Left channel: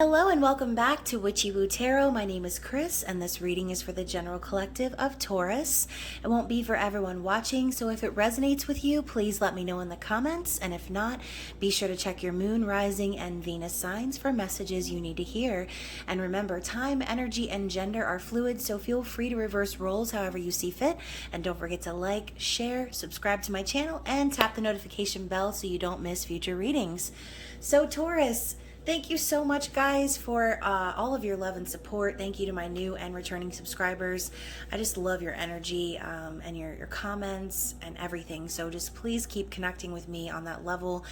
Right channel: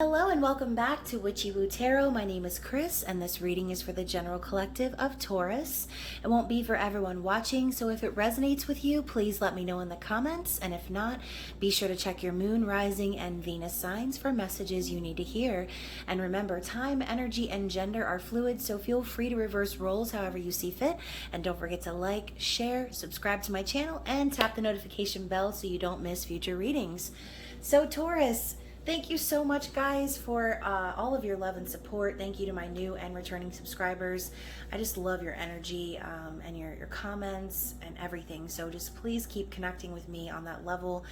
Hello and welcome back to Witchy-Woo Tarot. My name is Chris and this reading is for the general collective of Taurus. It won't be for everyone watching, so if it resonates with you, please let me know in the comments, and if not, be sure to check your moon, rising, and Venus signs for messages you need to hear. And remember, time, energy, and gender are fluid, so feel free to reverse roles however you see fit. And don't forget to like, share, subscribe to my channel, and tap the notification bell so you don't miss future readings. So Taurus, thank you so much, guys, for all of your love and support. Thank you to my new and returning subscribers. I just love your energy and your comments and everything. So just please keep connecting with me on that level.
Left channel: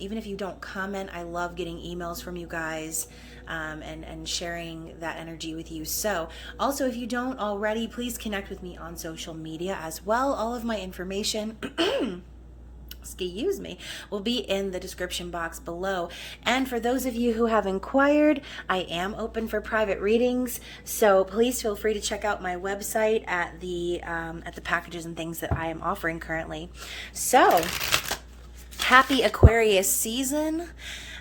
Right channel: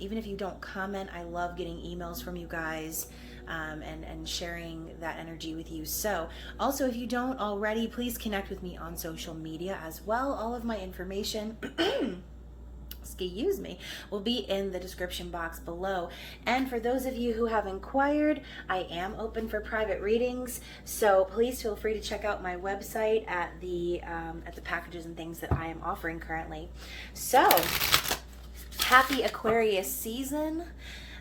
Even if you don't comment, I love getting emails from you guys and sharing that energy with you. So also, if you don't already, please connect with me on social media as well. All of my information excuse me, will be in the description box below. And for those of you who have inquired, I am open for private readings, so please feel free to check out my website at the packages and things that I am offering currently. So happy Aquarius season.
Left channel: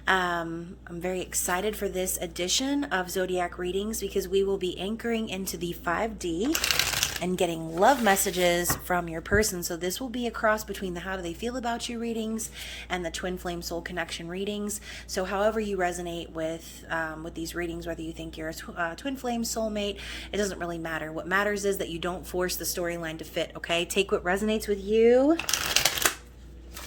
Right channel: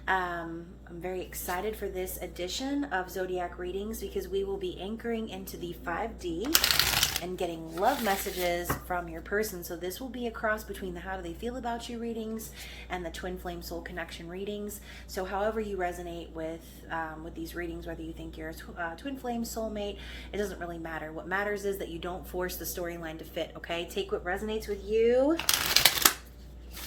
I'm very excited for this edition of Zodiac readings because we will be anchoring into the 5D and getting love messages from your person. So this will be a cross between the how do they feel about you readings and the twin flame soul connection readings. So however you resonate with these readings, whether you think you're a twin flame soulmate, it doesn't really matter. What matters is that you don't force the storyline to fit, okay? Take what resonates with you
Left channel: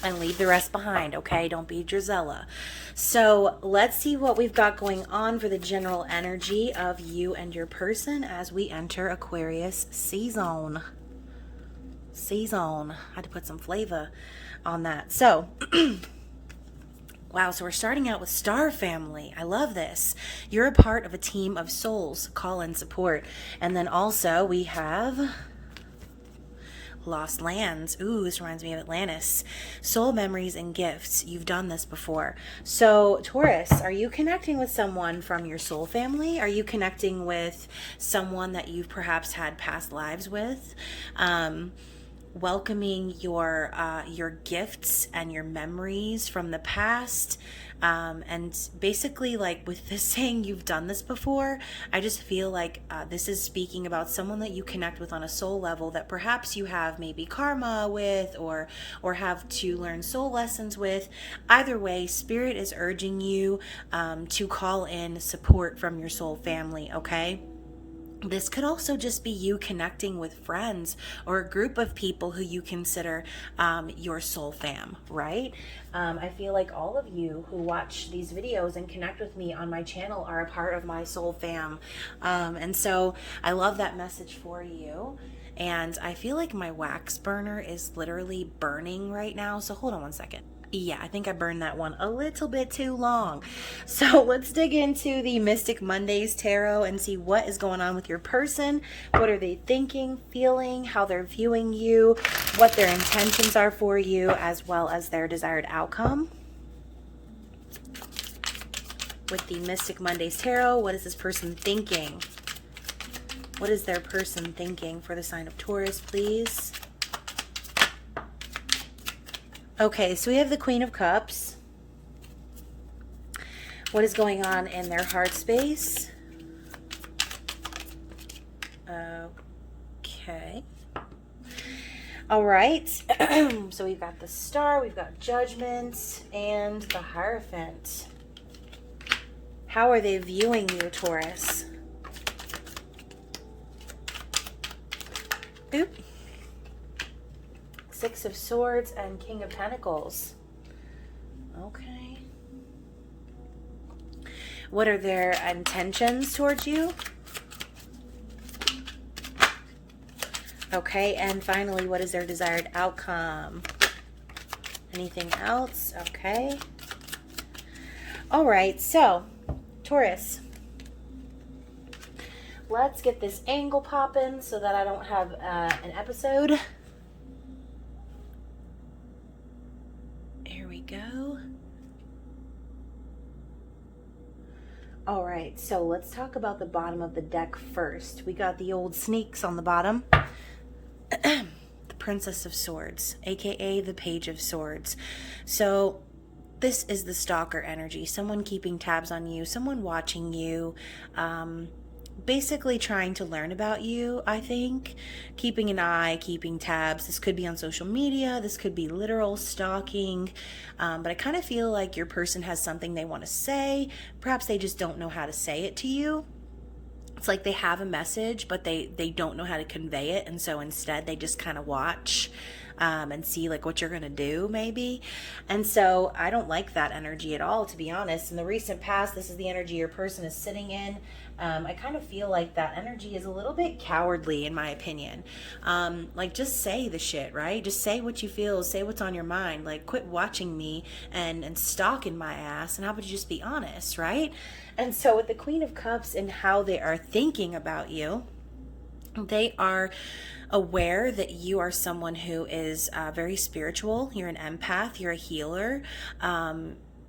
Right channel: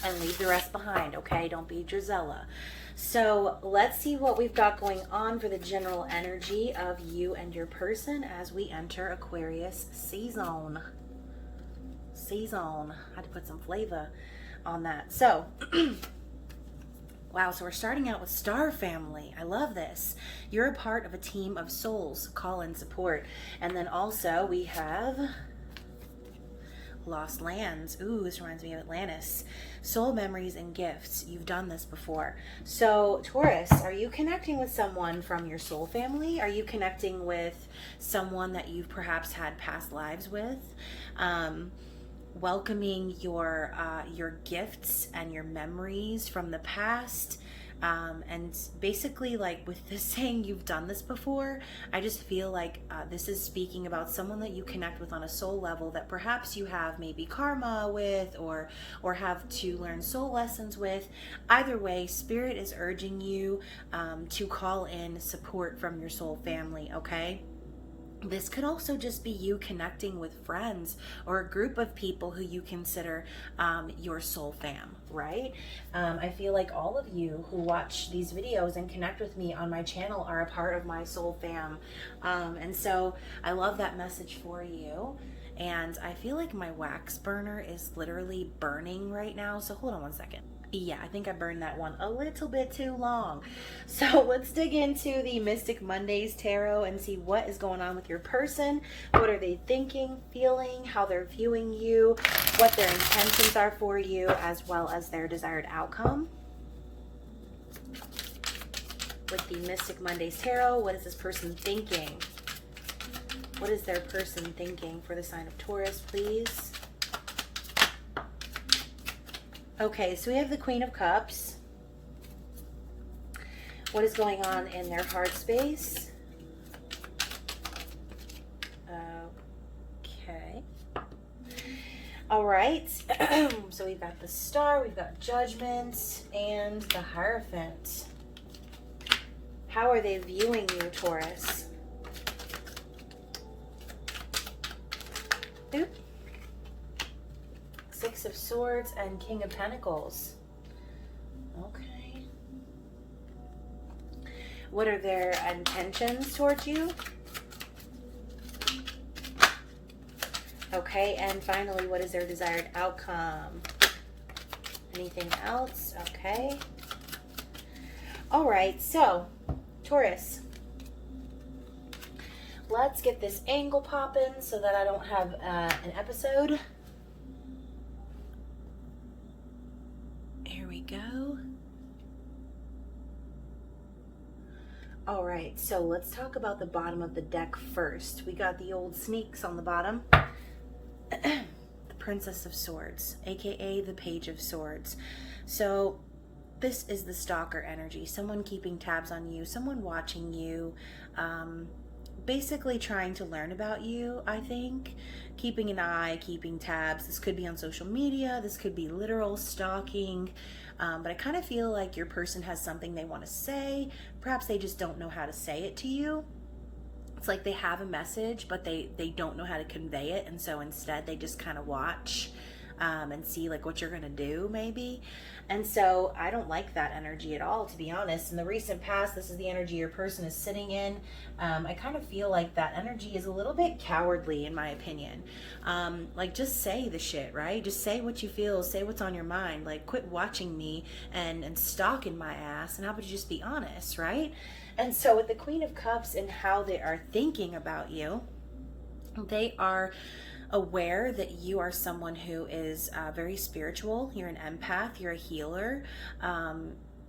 and leave the rest behind, okay? Don't be Drizella. So let's see what we've got going on for the general energy of you and your person as we enter Aquarius season. I had to put some flavor on that. So, wow, so we're starting out with Star Family. I love this. You're a part of a team of souls. Call and support. And then also we have Lost Lands. Ooh, this reminds me of Atlantis. Soul memories and gifts. You've done this before. So Taurus, are you connecting with someone from your soul family? Are you connecting with someone that you've perhaps had past lives with? Welcoming your gifts and your memories from the past. And basically, like with this saying, you've done this before, I just feel like this is speaking about someone that you connect with on a soul level that perhaps you have maybe karma with or have to learn soul lessons with. Either way, Spirit is urging you to call in support from your soul family, okay? This could also just be you connecting with friends or a group of people who you consider your soul fam, right? I feel like all of you who watch these videos and connect with me on my channel are a part of my soul fam. And so I love that message for you. And I feel like my wax burner is literally burning right now. So hold on one second. Yeah, I think I burned that one a little bit too long. So let's dig into the Mystic Mondays Tarot and see what is going on with your person. What are they thinking, feeling, how they're viewing you, what their intentions are for you, as well as their desired outcome. With the Mystic Mondays Tarot, what is this person thinking? What is their person thinking for the sign of Taurus, please? Okay, so we have the Queen of Cups. What is going on in their heart space? Okay. All right. So we've got the Star, we've got Judgment, and the Hierophant. How are they viewing you, Taurus? Oop. Six of Swords and King of Pentacles. Okay. What are their intentions towards you? Okay, and finally, what is their desired outcome? Anything else? Okay. All right, so Taurus, let's get this angle popping so that I don't have an episode. Here we go. All right, so let's talk about the bottom of the deck first. We got the old sneaks on the bottom. The Princess of Swords, aka the Page of Swords. So this is the stalker energy, someone keeping tabs on you, someone watching you, basically trying to learn about you, I think. Keeping an eye, keeping tabs. This could be on social media, this could be literal stalking, but I kind of feel like your person has something they want to say. Perhaps they just don't know how to say it to you. It's like they have a message, but they don't know how to convey it, and so instead they just kind of watch and see like what you're gonna do, maybe. And so I don't like that energy at all, to be honest. In the recent past, this is the energy your person is sitting in. I kind of feel like that energy is a little bit cowardly, in my opinion. Like, just say the shit, right? Just say what you feel, say what's on your mind. Like, quit watching me and stalking my ass, and how about you just be honest, right? And so with the Queen of Cups and how they are thinking about you, they are aware that you are someone who is very spiritual. You're an empath, you're a healer,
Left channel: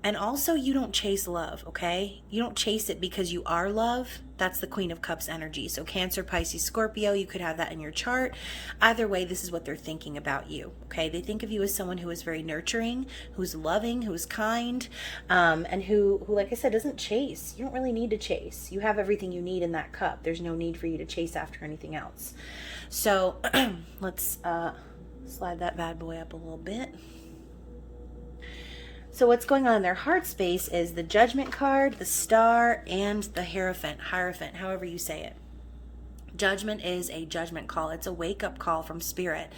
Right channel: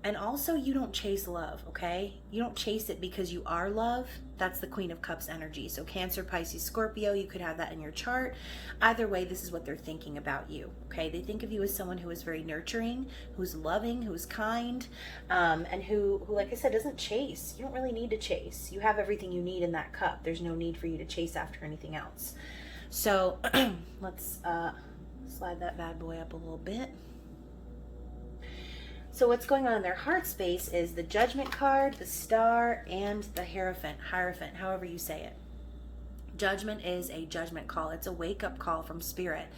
and also you don't chase love, okay? You don't chase it because you are love. That's the Queen of Cups energy. So Cancer, Pisces, Scorpio, you could have that in your chart. Either way, this is what they're thinking about you, okay? They think of you as someone who is very nurturing, who's loving, who's kind, and who, like I said, doesn't chase. You don't really need to chase. You have everything you need in that cup. There's no need for you to chase after anything else. So let's slide that bad boy up a little bit. So what's going on in their heart space is the Judgment card, the Star, and the Hierophant, however you say it. Judgment is a judgment call. It's a wake-up call from Spirit.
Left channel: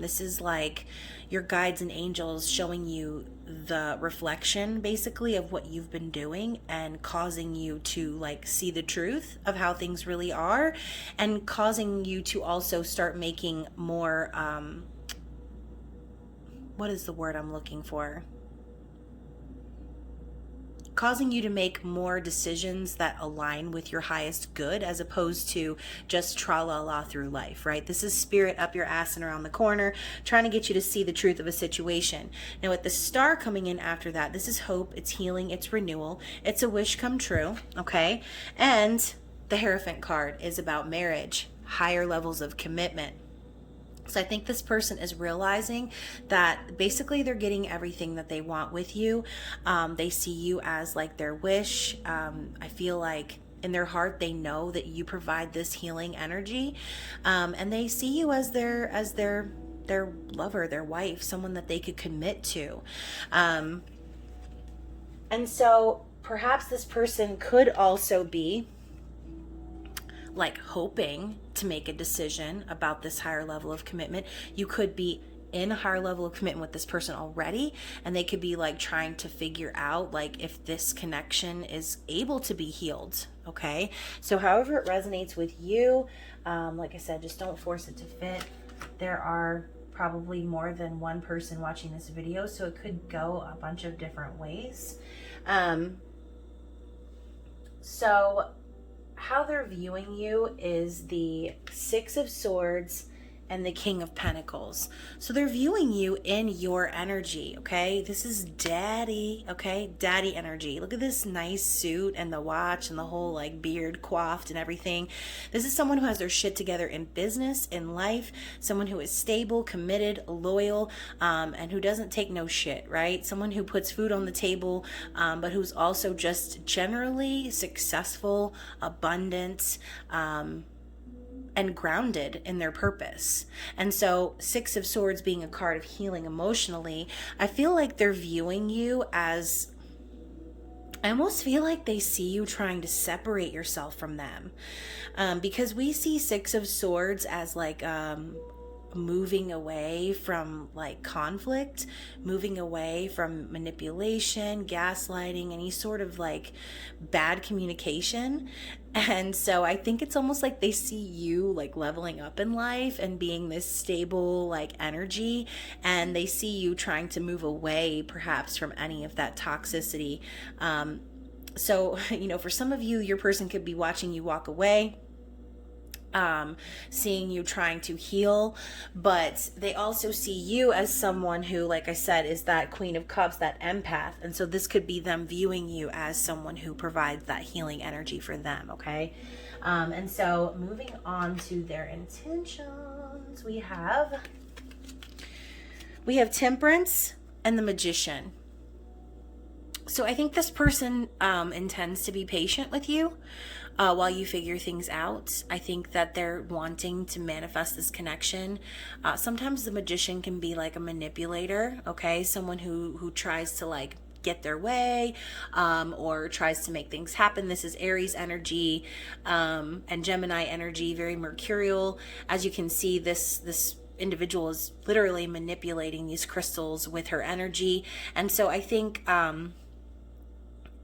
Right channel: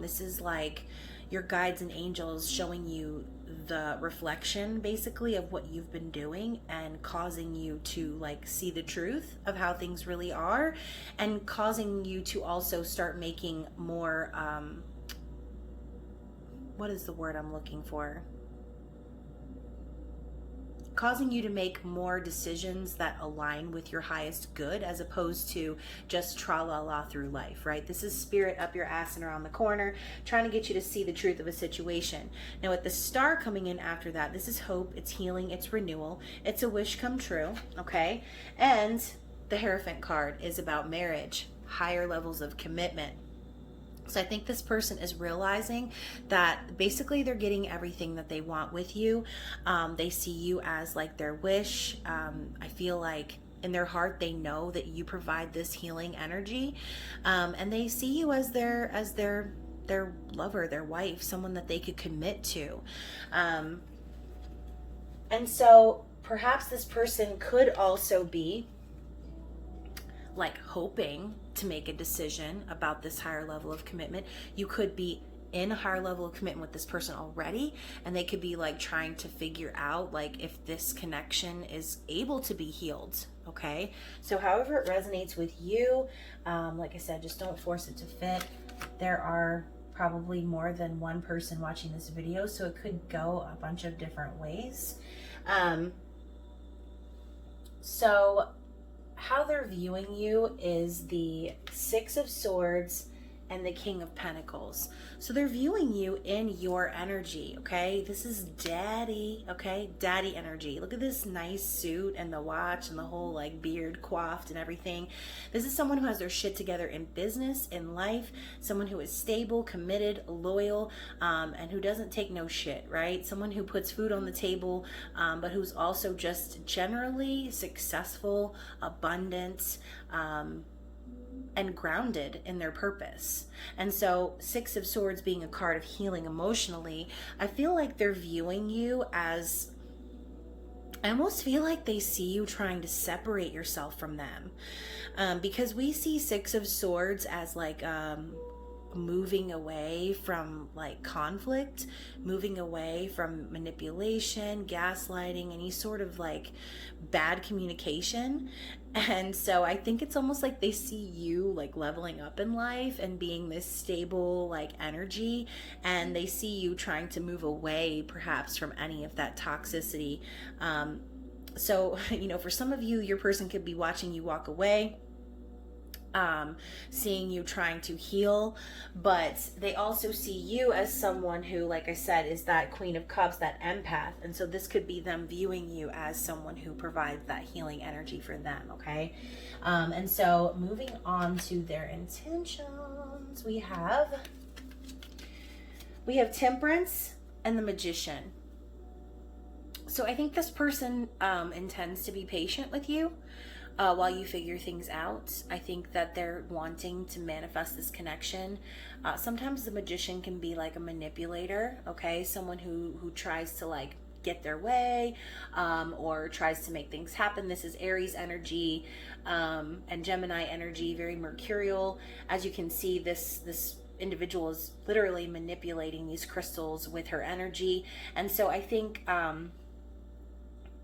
This is like your guides and angels showing you the reflection, basically, of what you've been doing and causing you to like see the truth of how things really are, and causing you to also start making more, what is the word I'm looking for? Causing you to make more decisions that align with your highest good, as opposed to just tra-la-la through life, right? This is Spirit up your ass and around the corner, trying to get you to see the truth of a situation. Now with the Star coming in after that, this is hope, it's healing, it's renewal, it's a wish come true, okay? And the Hierophant card is about marriage, higher levels of commitment. So I think this person is realizing that basically they're getting everything that they want with you. They see you as like their wish. I feel like in their heart they know that you provide this healing energy, and they see you as their lover, their wife, someone that they could commit to. And so perhaps this person could also be like hoping to make a decision about this higher level of commitment. You could be in a higher level of commitment with this person already, and they could be like trying to figure out like if this connection is able to be healed, okay? So however it resonates with you, like I said, just don't force it to fit. There are probably more than one person watching this video, so it could go a bunch of different ways. So how they're viewing you is the Six of Swords and the King of Pentacles. So they're viewing you in your energy, okay? This is daddy, okay? Daddy energy. Look at this nice suit and the watch and the whole like beard coiffed and everything. This is someone who has their shit together in business, in life, someone who is stable, committed, loyal, and who doesn't take no shit, right? Someone who puts food on the table, but who's also just generally successful, abundant, and grounded in their purpose. And so Six of Swords being a card of healing emotionally, I feel like they're viewing you as, I almost feel like they see you trying to separate yourself from them, because we see Six of Swords as like moving away from like conflict, moving away from manipulation, gaslighting, any sort of like bad communication. And so I think it's almost like they see you like leveling up in life and being this stable like energy, and they see you trying to move away perhaps from any of that toxicity. So, you know, for some of you, your person could be watching you walk away, seeing you trying to heal, but they also see you as someone who, like I said, is that Queen of Cups, that empath. And so this could be them viewing you as someone who provides that healing energy for them, okay? And so moving on to their intentions, we have Temperance and the Magician. So I think this person intends to be patient with you while you figure things out. I think that they're wanting to manifest this connection. Sometimes the magician can be like a manipulator, okay? Someone who tries to like get their way or tries to make things happen. This is Aries energy and Gemini energy, very mercurial. As you can see, this individual is literally manipulating these crystals with her energy. And so I think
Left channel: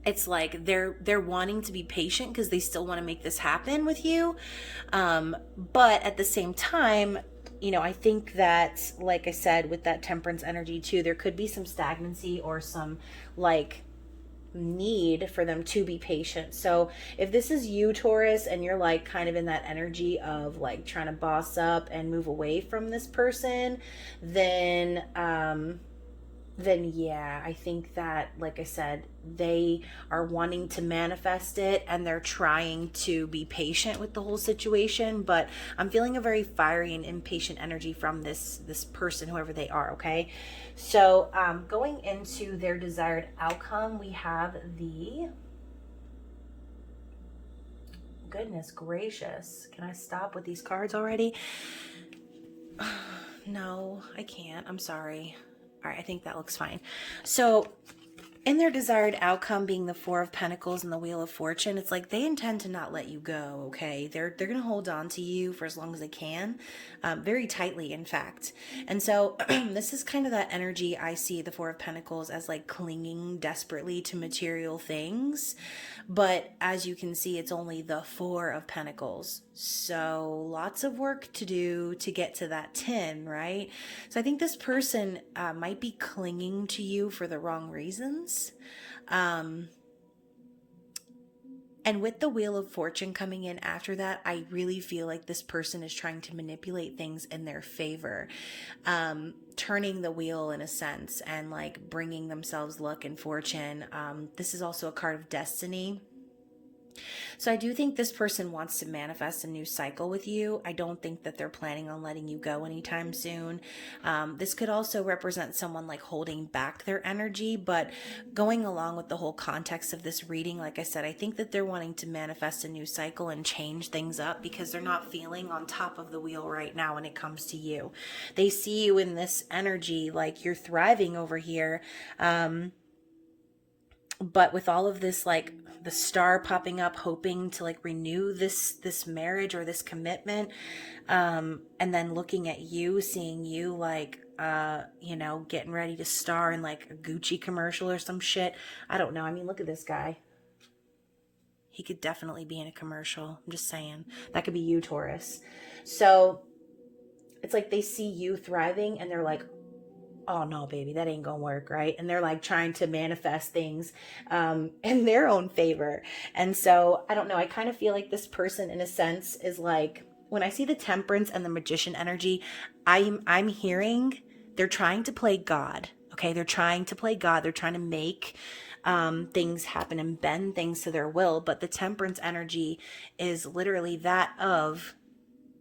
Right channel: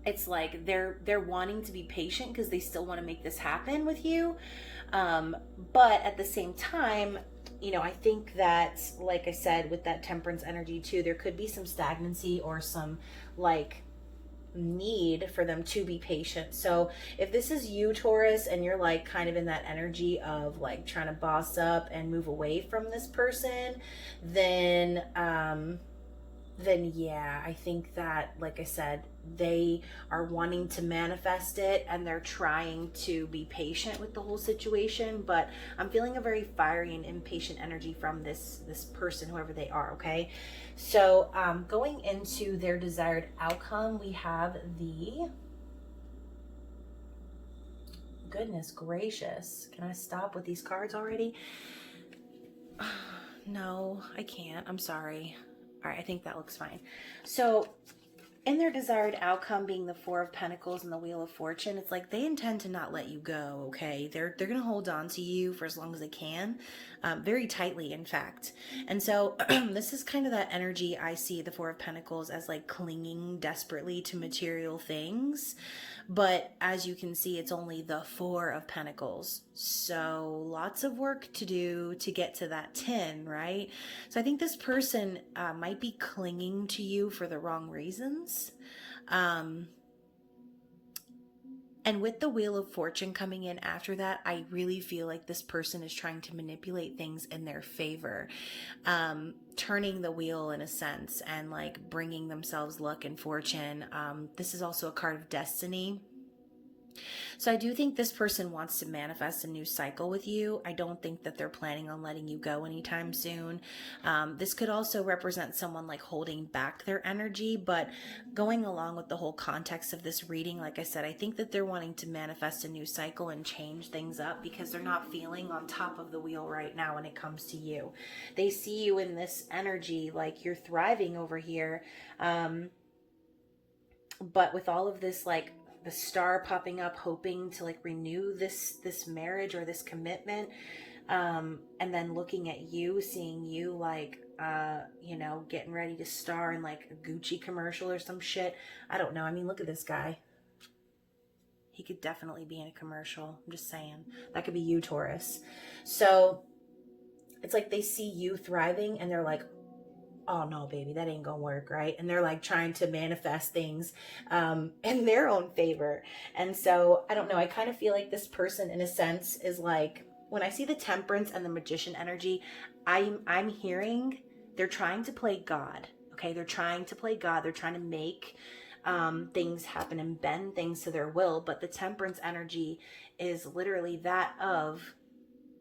it's like they're wanting to be patient because they still want to make this happen with you, but at the same time, you know, I think that, like I said, with that temperance energy too, there could be some stagnancy or some like need for them to be patient. So if this is you, Taurus, and you're like kind of in that energy of like trying to boss up and move away from this person, then yeah, I think that, like I said, they are wanting to manifest it and they're trying to be patient with the whole situation. But I'm feeling a very fiery and impatient energy from this person, whoever they are, okay? So going into their desired outcome, we have the... Goodness gracious. Can I stop with these cards already? No, I can't. I'm sorry. All right, I think that looks fine. So in their desired outcome being the Four of Pentacles and the Wheel of Fortune, it's like they intend to not let you go, okay? They're going to hold on to you for as long as they can, very tightly, in fact. And so this is kind of that energy I see the Four of Pentacles as like clinging desperately to material things. But as you can see, it's only the Four of Pentacles. So lots of work to do to get to that 10, right? So I think this person might be clinging to you for the wrong reasons. And with the Wheel of Fortune coming in after that, I really feel like this person is trying to manipulate things in their favor, turning the wheel in a sense and like bringing themselves luck and fortune. This is also a card of destiny. So I do think this person wants to manifest a new cycle with you. I don't think that they're planning on letting you go anytime soon. This could also represent someone like holding back their energy, but going along with the whole context of this reading, like I said, I think that they're wanting to manifest a new cycle and change things up because they're not feeling on top of the wheel right now when it comes to you. They see you in this energy like you're thriving over here. But with all of this, like the star popping up, hoping to like renew this marriage or this commitment, and then looking at you, seeing you like, you know, getting ready to star in like a Gucci commercial or some shit. I don't know. I mean, look at this guy. He could definitely be in a commercial. I'm just saying. That could be you, Taurus. So it's like they see you thriving and they're like, oh no, baby, that ain't gonna work, right? And they're like trying to manifest things in their own favor. And so I don't know, I kind of feel like this person in a sense is like, when I see the Temperance and the Magician energy, I'm hearing they're trying to play God. Okay, they're trying to play God. They're trying to make things happen and bend things to their will. But the Temperance energy is literally that of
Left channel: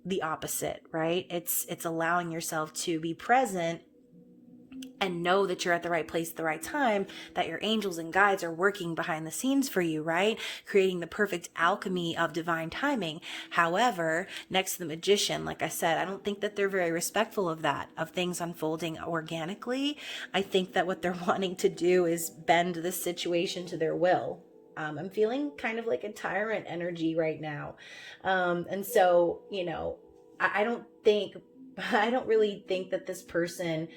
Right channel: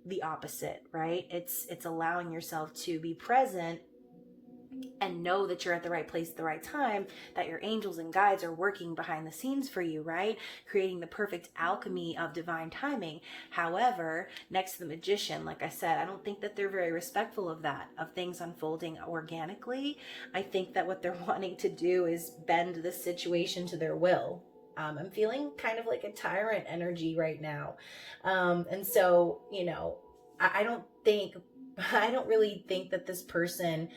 the opposite, right? It's allowing yourself to be present and know that you're at the right place at the right time, that your angels and guides are working behind the scenes for you, right? Creating the perfect alchemy of divine timing. However, next to the Magician, like I said, I don't think that they're very respectful of that, of things unfolding organically. I think that what they're wanting to do is bend this situation to their will. I'm feeling kind of like a tyrant energy right now. And so, you know, I don't really think that this person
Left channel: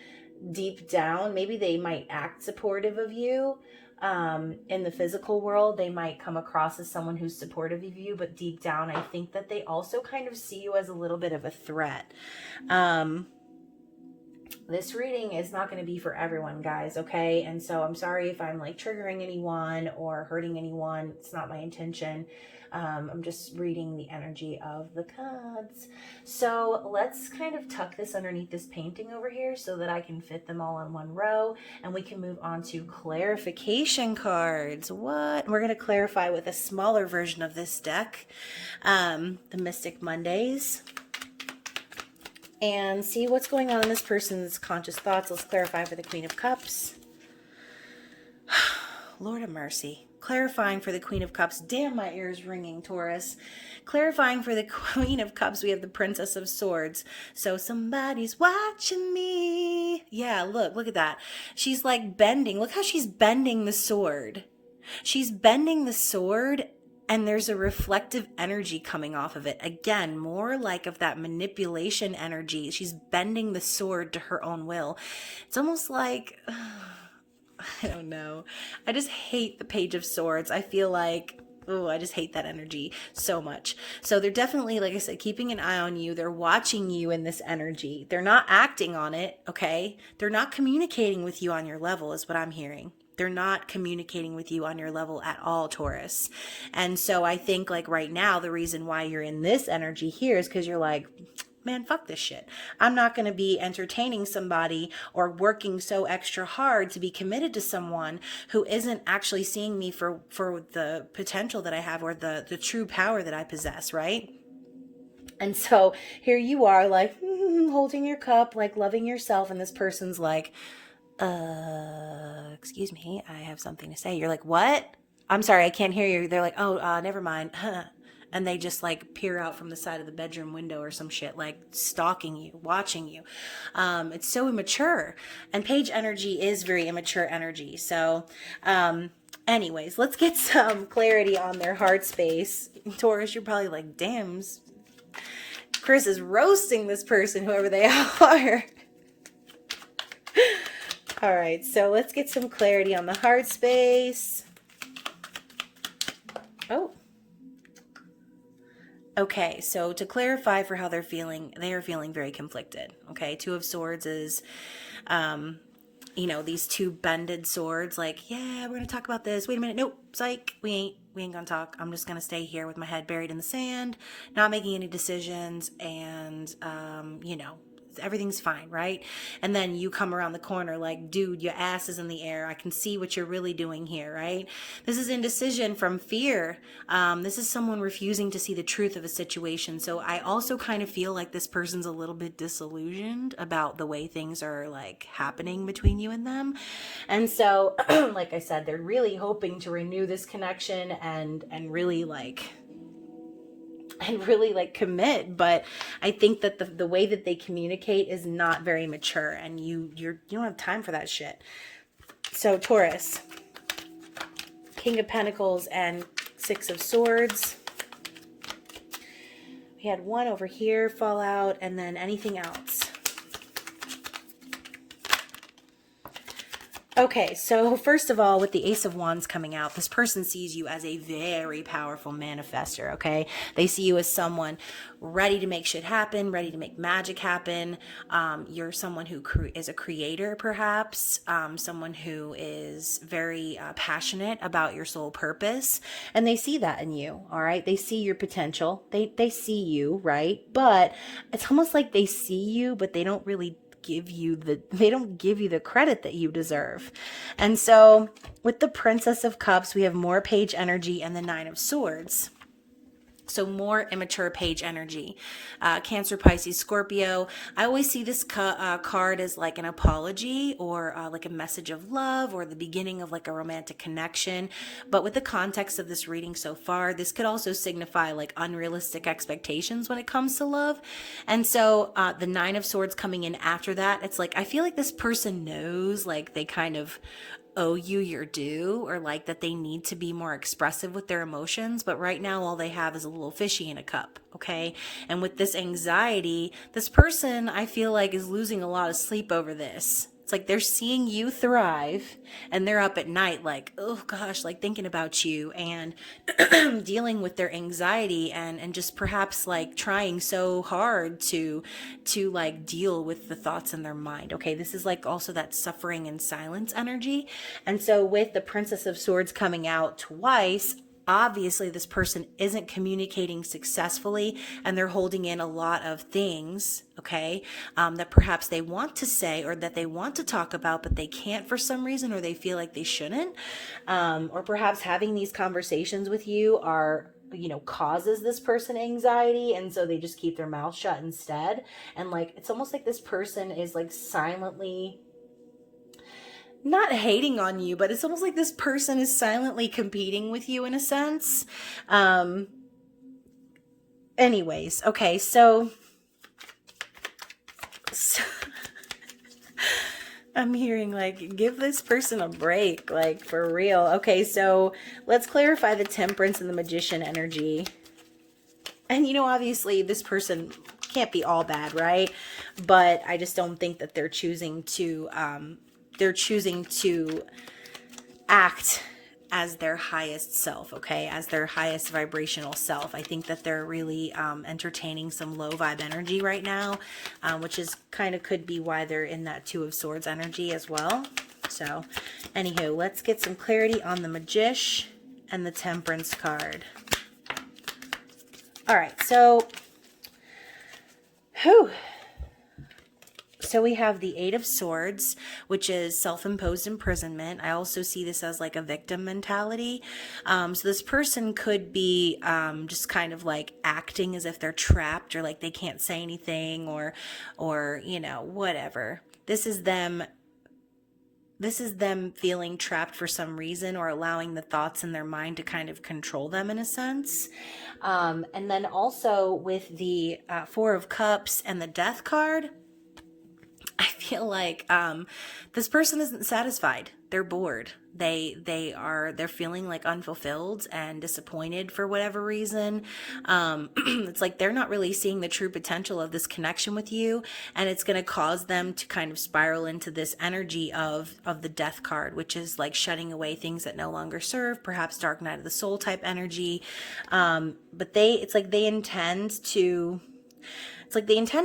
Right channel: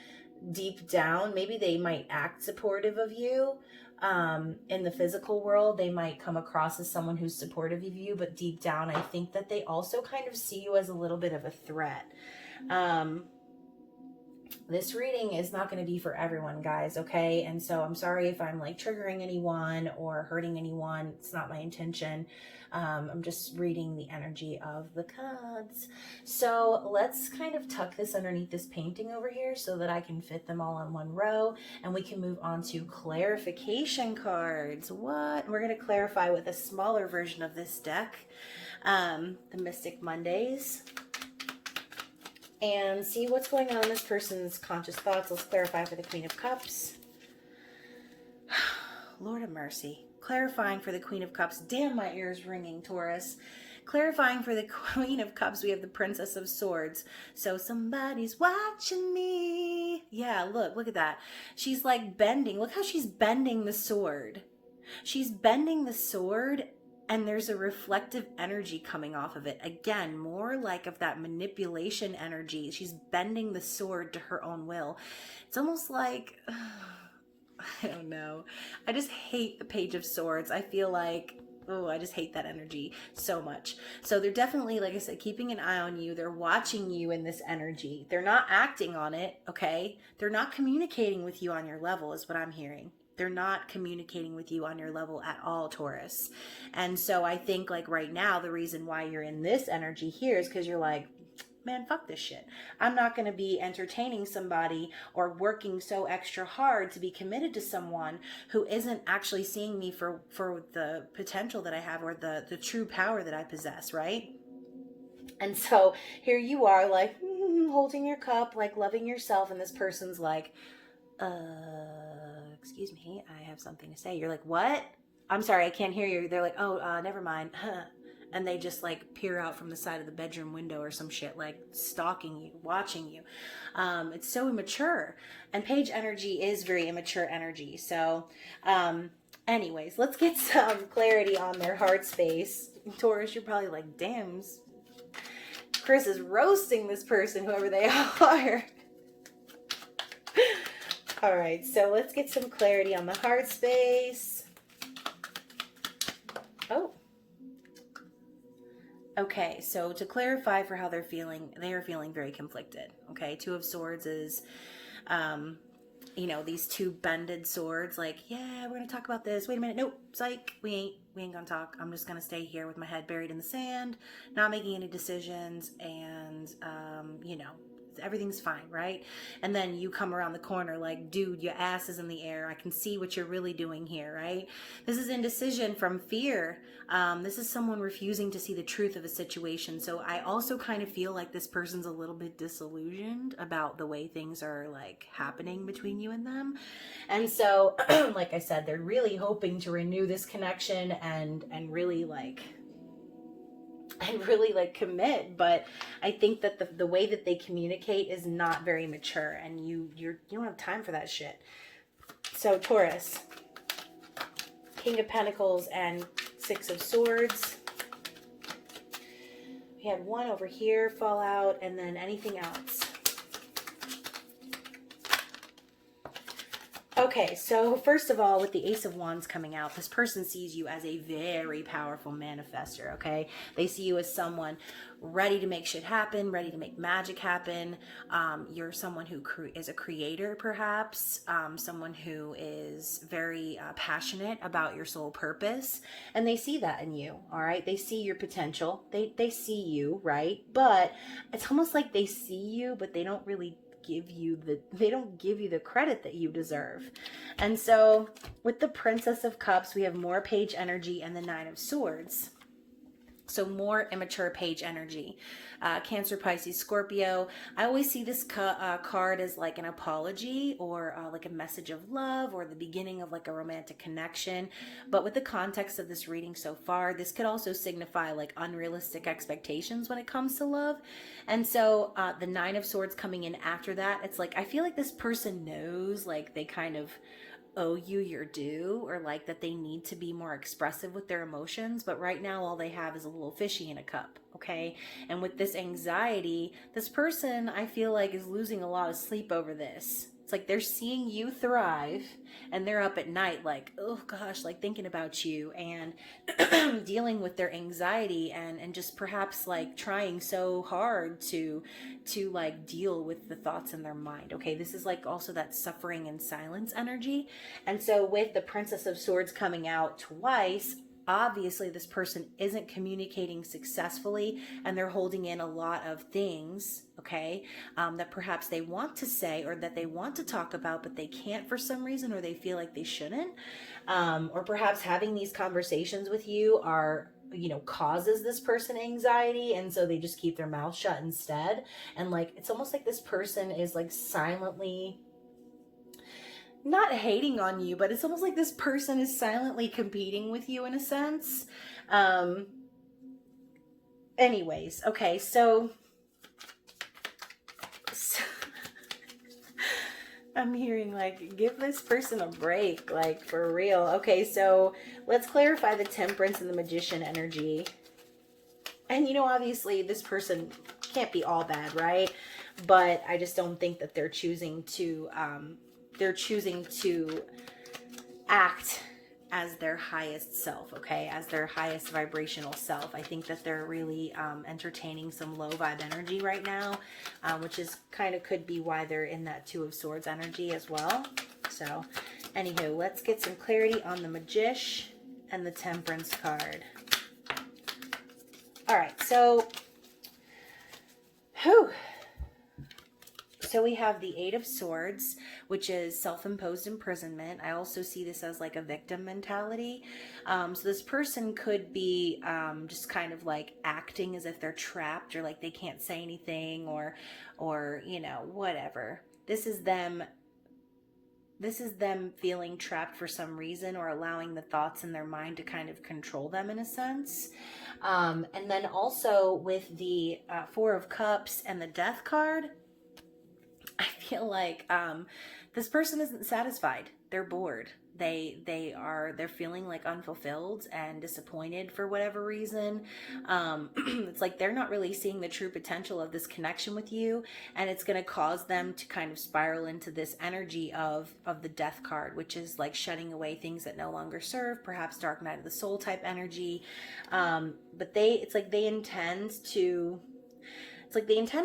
deep down, maybe they might act supportive of you. In the physical world, they might come across as someone who's supportive of you, but deep down, I think that they also kind of see you as a little bit of a threat. This reading is not going to be for everyone, guys, okay? And so I'm sorry if I'm like triggering anyone or hurting anyone. It's not my intention. I'm just reading the energy of the cards. So let's kind of tuck this underneath this painting over here so that I can fit them all in one row, and we can move on to clarification cards. What? We're going to clarify with a smaller version of this deck, the Mystic Mondays, and see what's going on in this person's conscious thoughts. Let's clarify for the Queen of Cups. Lord of mercy. Clarifying for the Queen of Cups. Damn, my ears ringing, Taurus. Clarifying for the Queen of Cups, we have the Princess of Swords. So somebody's watching me. Yeah, look at that. She's like bending. Look how she's bending the sword. She's bending the sword, and there's a reflective energy coming off of it. Again, more like of that manipulation energy. She's bending the sword to her own will. It's almost like... I don't know. I just hate the Page of Swords. I feel like, oh, I just hate that energy so much. So they're definitely, like I said, keeping an eye on you. They're watching you in this energy. They're not acting on it, okay? They're not communicating with you on your level is what I'm hearing. They're not communicating with you on your level at all, Taurus. And so I think like right now, the reason why you're in this energy here is because you're like, man, fuck this shit. I'm not going to be entertaining somebody or working so extra hard to be committed to someone who isn't actually seeing me for the potential that I have or the true power that I possess, right? And so here you are like holding your cup, like loving yourself. And this person's like, excuse me, I have something to say. You're like, what? I'm sorry, I can't hear you. They're like, oh, never mind. And they just like peer out from the side of the bedroom window or some shit, like stalking you, watching you. It's so immature. And page energy is very immature energy. So anyways, let's get some clarity on their heart space. Taurus, you're probably like, damn, Chris is roasting this person, whoever they are. All right, so let's get some clarity on the heart space. Oh. Okay, so to clarify for how they're feeling, they are feeling very conflicted. Okay, Two of Swords is, you know, these two bended swords. Like, yeah, we're gonna talk about this. Wait a minute, nope, psych, we ain't gonna talk. I'm just gonna stay here with my head buried in the sand, not making any decisions, and you know, everything's fine, right? And then you come around the corner like, dude, your ass is in the air. I can see what you're really doing here, right? This is indecision from fear. This is someone refusing to see the truth of a situation. So I also kind of feel like this person's a little bit disillusioned about the way things are like happening between you and them. And so, like I said, they're really hoping to renew this connection and really like commit, but I think that the way that they communicate is not very mature, and you don't have time for that shit. So Taurus, King of Pentacles and Six of Swords. We had one over here fall out, and then anything else. Okay, so first of all, with the Ace of Wands coming out, this person sees you as a very powerful manifester, okay? They see you as someone ready to make shit happen, ready to make magic happen. You're someone who is a creator, perhaps, someone who is very passionate about your soul purpose, and they see that in you, all right? They see your potential. They see you, right? But it's almost like they see you, but they don't really give you the credit that you deserve. And so with the Princess of Cups, we have more page energy and the Nine of Swords. So more immature page energy. Cancer, Pisces, Scorpio. I always see this card as like an apology or like a message of love or the beginning of like a romantic connection. But with the context of this reading so far, this could also signify like unrealistic expectations when it comes to love. And so the Nine of Swords coming in after that, it's like I feel like this person knows like they kind of owe you your due, or like that they need to be more expressive with their emotions, but right now all they have is a little fishy in a cup, okay? And with this anxiety, this person I feel like is losing a lot of sleep over this. It's like they're seeing you thrive and they're up at night like, oh gosh, like thinking about you and dealing with their anxiety and just perhaps like trying so hard to like deal with the thoughts in their mind. Okay, this is like also that suffering and silence energy. And so with the Princess of Swords coming out twice, obviously this person isn't communicating successfully and they're holding in a lot of things, okay, that perhaps they want to say or that they want to talk about, but they can't for some reason, or they feel like they shouldn't. Or perhaps having these conversations with you are, you know, causes this person anxiety, and so they just keep their mouth shut instead. And like, it's almost like this person is like silently not hating on you, but it's almost like this person is silently competing with you in a sense. Anyways, okay, so I'm hearing like, give this person a break, like for real. Okay, so let's clarify the Temperance and the Magician energy. And you know, obviously this person can't be all bad, right? But I just don't think that they're choosing to act as their highest self, okay? As their highest vibrational self. I think that they're really entertaining some low vibe energy right now, which is kind of could be why they're in that Two of Swords energy as well. So, anywho, let's get some clarity on the Magician and the Temperance card. All right, so, So we have the Eight of Swords, which is self-imposed imprisonment. I also see this as like a victim mentality. So this person could be just kind of like acting as if they're trapped, or like they can't say anything, or you know, whatever. This is them feeling trapped for some reason, or allowing the thoughts in their mind to kind of control them in a sense. And then also with the Four of Cups and the Death card, I feel like this person isn't satisfied. They're bored. They're feeling like unfulfilled and disappointed for whatever reason. It's like they're not really seeing the true potential of this connection with you, and it's going to cause them to kind of spiral into this energy of the Death card, which is like shutting away things that no longer serve, perhaps Dark Night of the Soul type energy. But it's like they intend to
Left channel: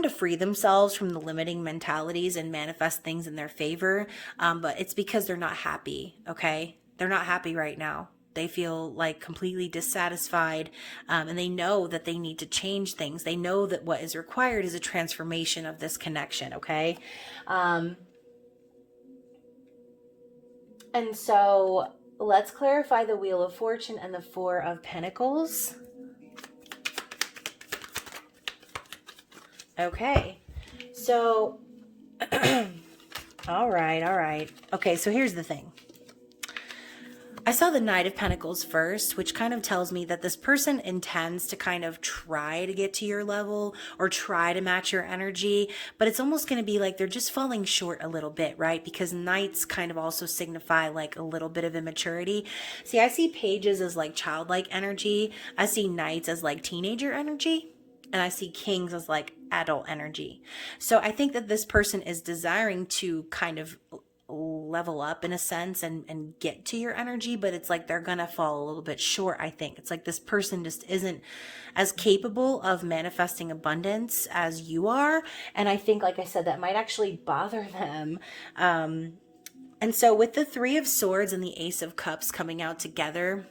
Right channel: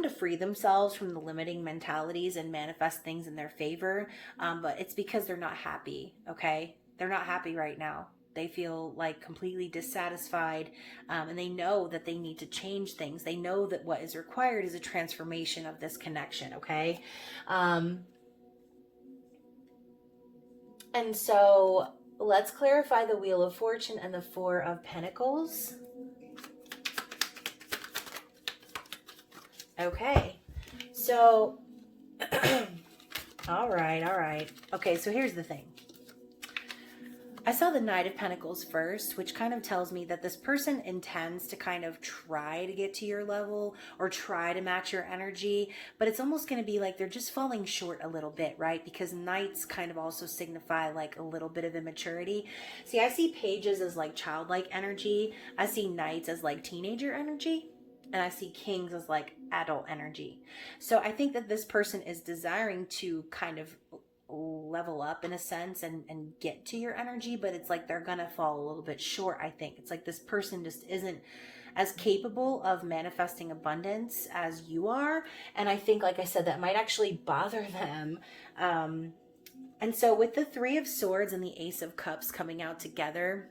free themselves from the limiting mentalities and manifest things in their favor. But it's because they're not happy, okay? They're not happy right now. They feel like completely dissatisfied, and they know that they need to change things. They know that what is required is a transformation of this connection, okay? And so let's clarify the Wheel of Fortune and the Four of Pentacles. Okay, so, all right. Okay, so here's the thing. I saw the Knight of Pentacles first, which kind of tells me that this person intends to kind of try to get to your level or try to match your energy, but it's almost going to be like they're just falling short a little bit, right? Because Knights kind of also signify like a little bit of immaturity. See, I see Pages as like childlike energy. I see Knights as like teenager energy. And I see Kings as like adult energy. So I think that this person is desiring to kind of level up in a sense and get to your energy, but it's like they're gonna fall a little bit short. I think it's like this person just isn't as capable of manifesting abundance as you are. And I think, like I said, that might actually bother them. And so with the Three of Swords and the Ace of Cups coming out together,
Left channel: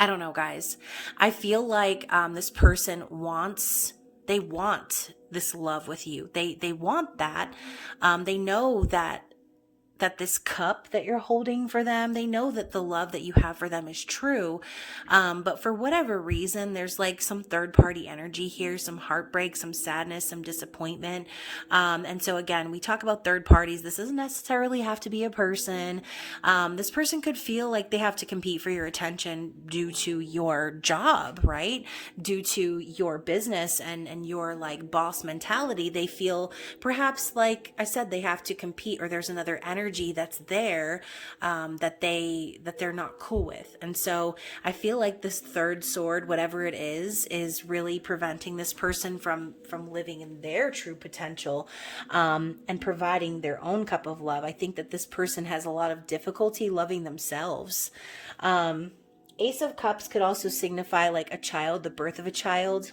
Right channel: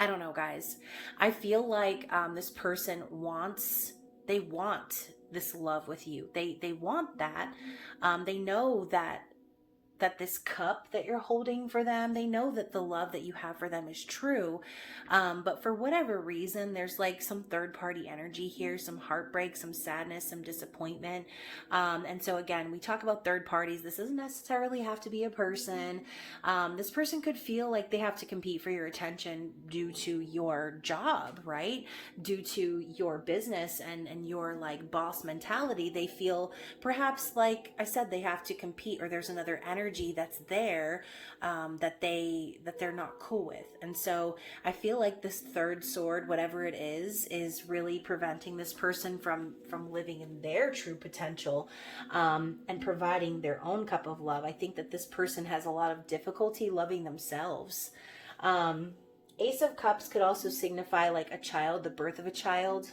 I don't know, guys. I feel like this person want this love with you. They want that. They know that this cup that you're holding for them, they know that the love that you have for them is true. But for whatever reason, there's like some third party energy here, some heartbreak, some sadness, some disappointment. And so again, we talk about third parties. This doesn't necessarily have to be a person. This person could feel like they have to compete for your attention due to your job, right? Due to your business and your like boss mentality. They feel perhaps, like I said, they have to compete, or there's another energy that's there that they're not cool with. And so I feel like this third sword, whatever it is really preventing this person from living in their true potential and providing their own cup of love. I think that this person has a lot of difficulty loving themselves. Ace of Cups could also signify like a child, the birth of a child.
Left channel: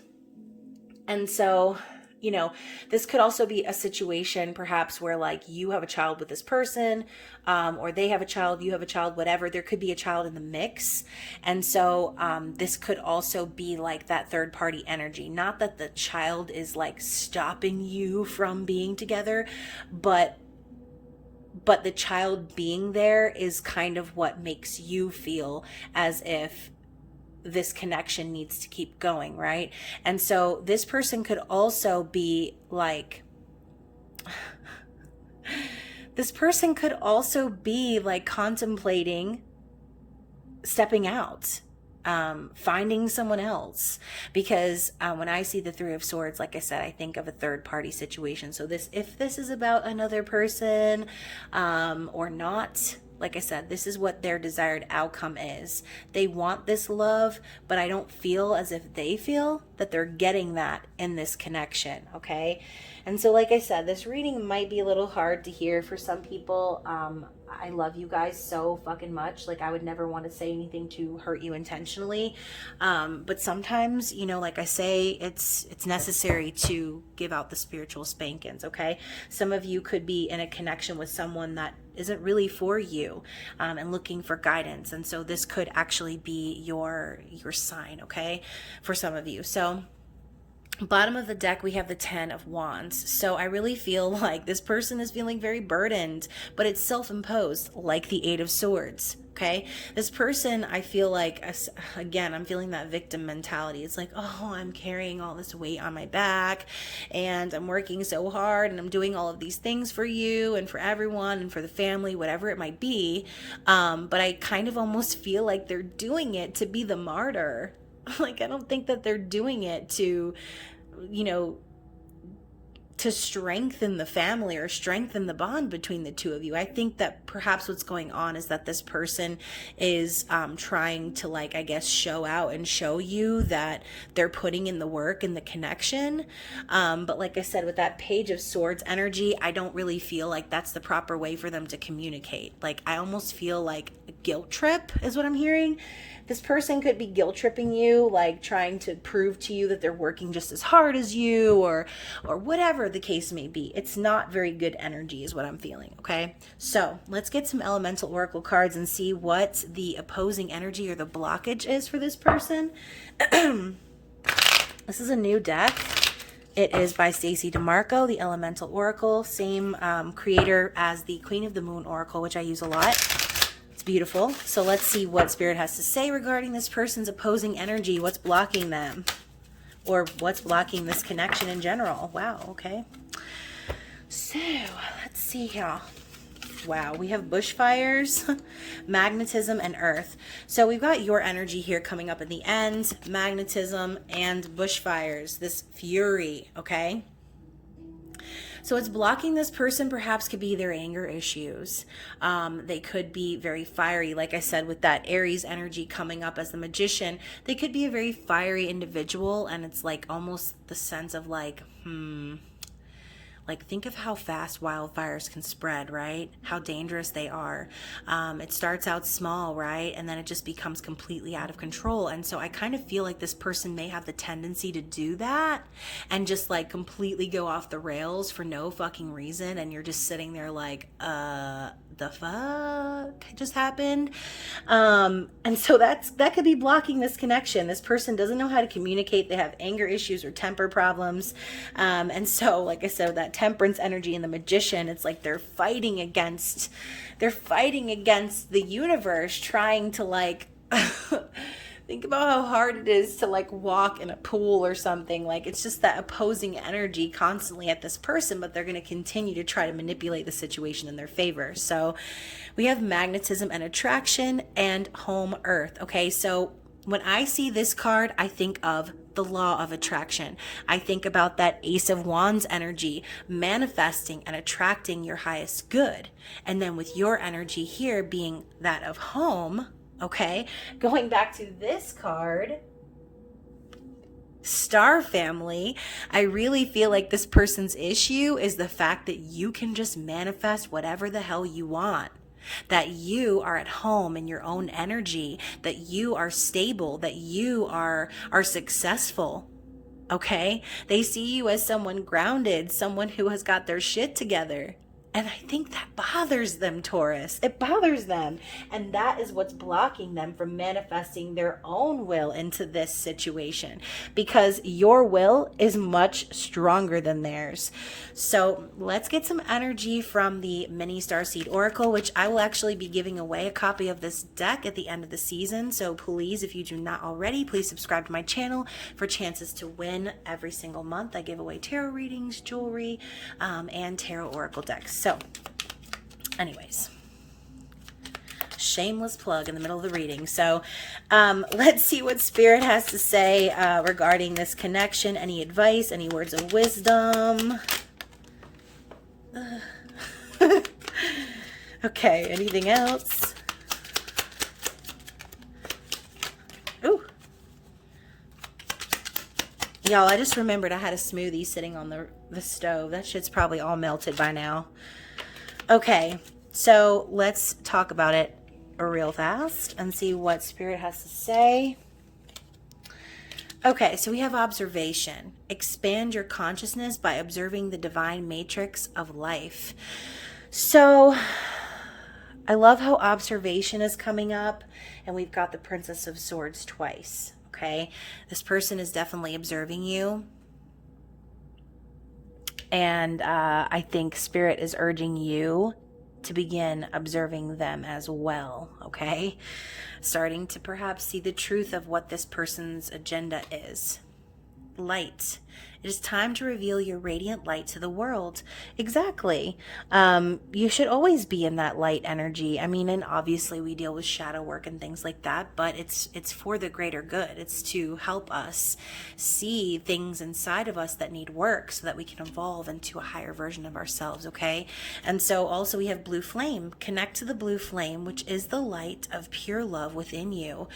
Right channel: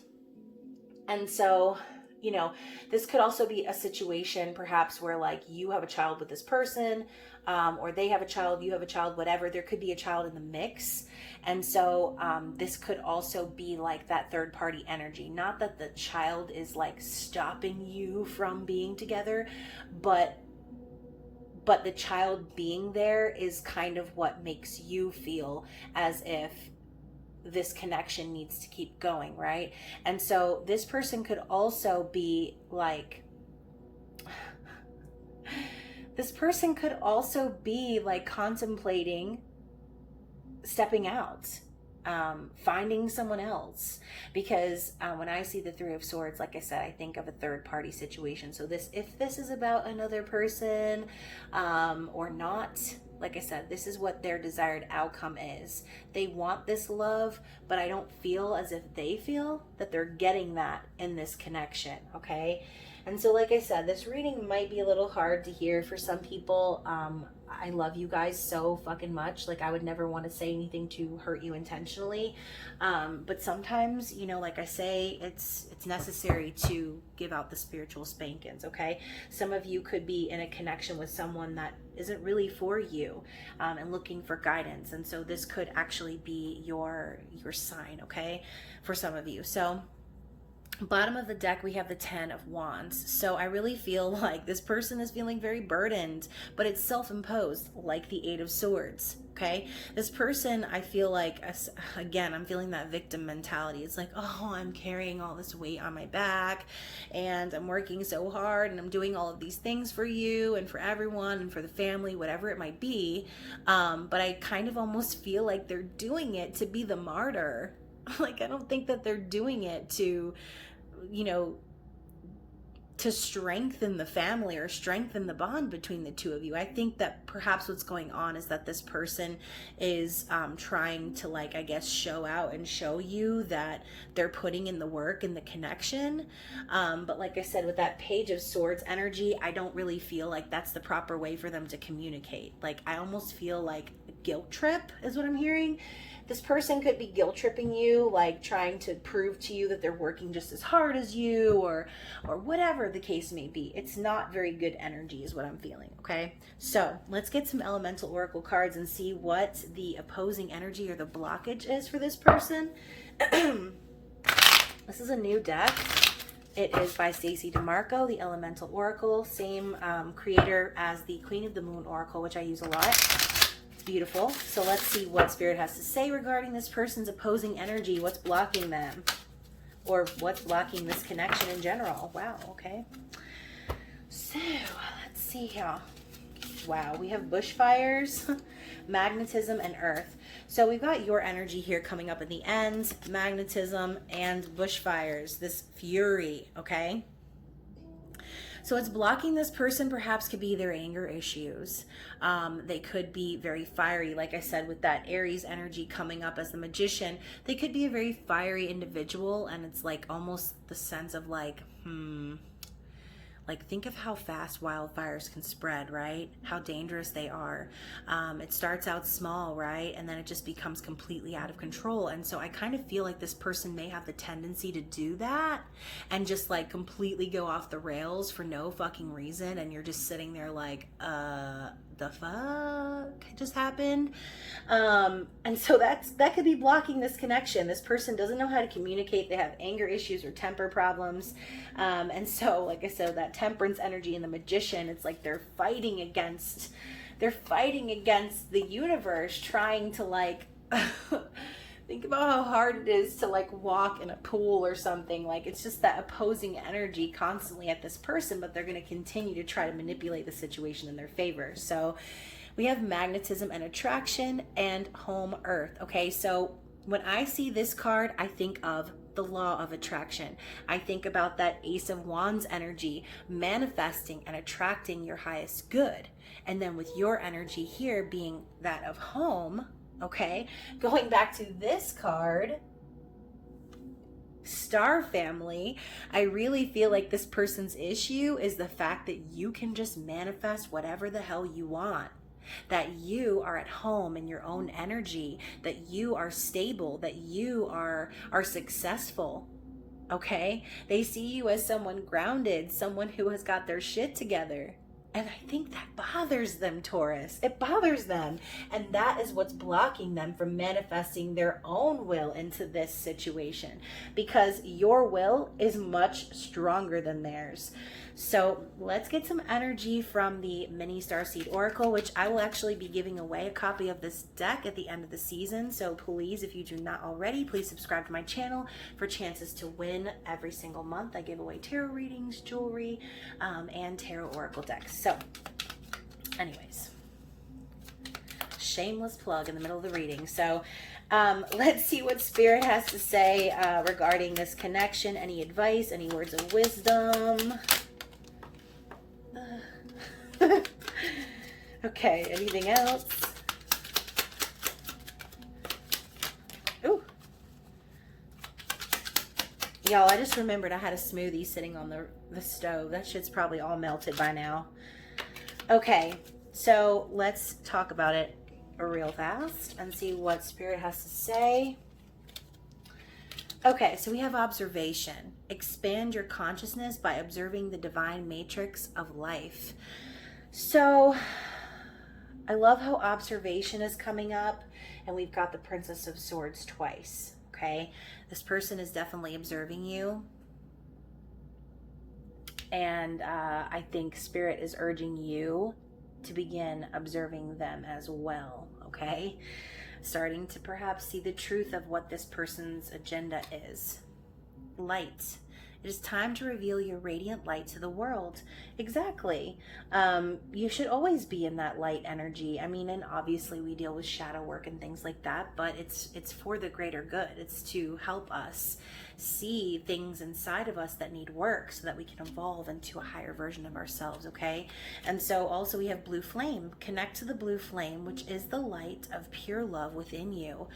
And so, you know, this could also be a situation perhaps where like you have a child with this person, or they have a child, you have a child, whatever. There could be a child in the mix. And so this could also be like that third party energy. Not that the child is like stopping you from being together, but the child being there is kind of what makes you feel as if this connection needs to keep going, right? And so this person could also be like This person could also be like contemplating stepping out, finding someone else, because when I see the Three of Swords, like I said, I think of a third party situation. So if this is about another person or not, like I said, this is what their desired outcome is. They want this love, but I don't feel as if they feel that they're getting that in this connection, okay? And so, like I said, this reading might be a little hard to hear for some people. I love you guys so fucking much. Like, I would never want to say anything to hurt you intentionally. But sometimes, you know, like I say, it's necessary to give out the spiritual spankings, okay? Some of you could be in a connection with someone that isn't really for you, and looking for guidance. And so this could actually be your sign, okay? For some of you. So bottom of the deck, we have the 10 of Wands. So I really feel like this person is feeling very burdened, but it's self-imposed, like the 8 of Swords. Okay, this person, I feel like, again, I'm feeling that victim mentality. It's like, oh, I'm carrying all this weight on my back, and I'm working so hard, and I'm doing all of these things for you and for everyone and for the family, whatever it might be. But I kind of almost feel like they're doing it to be the martyr. Like, I don't think that they're doing it to, you know, to strengthen the family or strengthen the bond between the two of you. I think that perhaps what's going on is that this person is trying to, like, I guess, show out and show you that they're putting in the work and the connection. But like I said, with that Page of Swords energy, I don't really feel like that's the proper way for them to communicate. Like, I almost feel like a guilt trip is what I'm hearing. This person could be guilt tripping you, like trying to prove to you that they're working just as hard as you, or whatever the case may be. It's not very good energy is what I'm feeling, okay? So let's get some elemental oracle cards and see what the opposing energy or the blockage is for this person. This is a new deck. It is by Stacey DeMarco, the Elemental Oracle, same creator as the Queen of the Moon Oracle, which I use a lot. Beautiful. So let's see what Spirit has to say regarding this person's opposing energy. What's blocking them, or what's blocking this connection in general? Wow. Okay. So let's see here. Wow, we have bushfires, magnetism, and earth. So we've got your energy here coming up at the end, magnetism and bushfires, this fury, okay? So it's blocking this person perhaps could be their anger issues. They could be very fiery. Like I said, with that Aries energy coming up as the Magician, they could be a very fiery individual, and it's like almost the sense of like, like, think of how fast wildfires can spread, right? How dangerous they are. It starts out small, right? And then it just becomes completely out of control. And so I kind of feel like this person may have the tendency to do that and just like completely go off the rails for no fucking reason. And you're just sitting there like, the fuck just happened? And so that could be blocking this connection. This person doesn't know how to communicate. They have anger issues or temper problems. And so, like I said, that Temperance energy and the Magician, it's like they're fighting against the universe, trying to like think about how hard it is to like walk in a pool or something. Like, it's just that opposing energy constantly at this person, but they're going to continue to try to manipulate the situation in their favor. So we have magnetism and attraction and home earth. Okay, so when I see this card, I think of the law of attraction. I think about that Ace of Wands energy, manifesting and attracting your highest good. And then with your energy here being that of home, okay, going back to this card, Star Family, I really feel like this person's issue is the fact that you can just manifest whatever the hell you want. That you are at home in your own energy, that you are stable, that you are successful, okay? They see you as someone grounded, someone who has got their shit together. And I think that bothers them, Taurus. It bothers them. And that is what's blocking them from manifesting their own will into this situation, because your will is much stronger than theirs. So let's get some energy from the mini Starseed Oracle, which I will actually be giving away a copy of this deck at the end of the season. So please, if you do not already, please subscribe to my channel for chances to win every single month. I give away tarot readings, jewelry, and tarot oracle decks. So Anyways, shameless plug in the middle of the reading. So let's see what Spirit has to say regarding this connection. Any advice, any words of wisdom? Okay, anything else? Ooh. Y'all, I just remembered I had a smoothie sitting on the stove. That shit's probably all melted by now. Okay, so let's talk about it real fast and see what Spirit has to say. Okay, so we have observation. Expand your consciousness by observing the divine matrix of life. So I love how observation is coming up, and we've got the Princess of Swords twice. Okay, this person is definitely observing you, and I think Spirit is urging you to begin observing them as well. Okay, starting to perhaps see the truth of what this person's agenda is. Light. It is time to reveal your radiant light to the world. Exactly. You should always be in that light energy. I mean, and obviously we deal with shadow work and things like that, but it's for the greater good. It's to help us see things inside of us that need work so that we can evolve into a higher version of ourselves, okay? And so also we have blue flame. Connect to the blue flame, which is the light of pure love within you.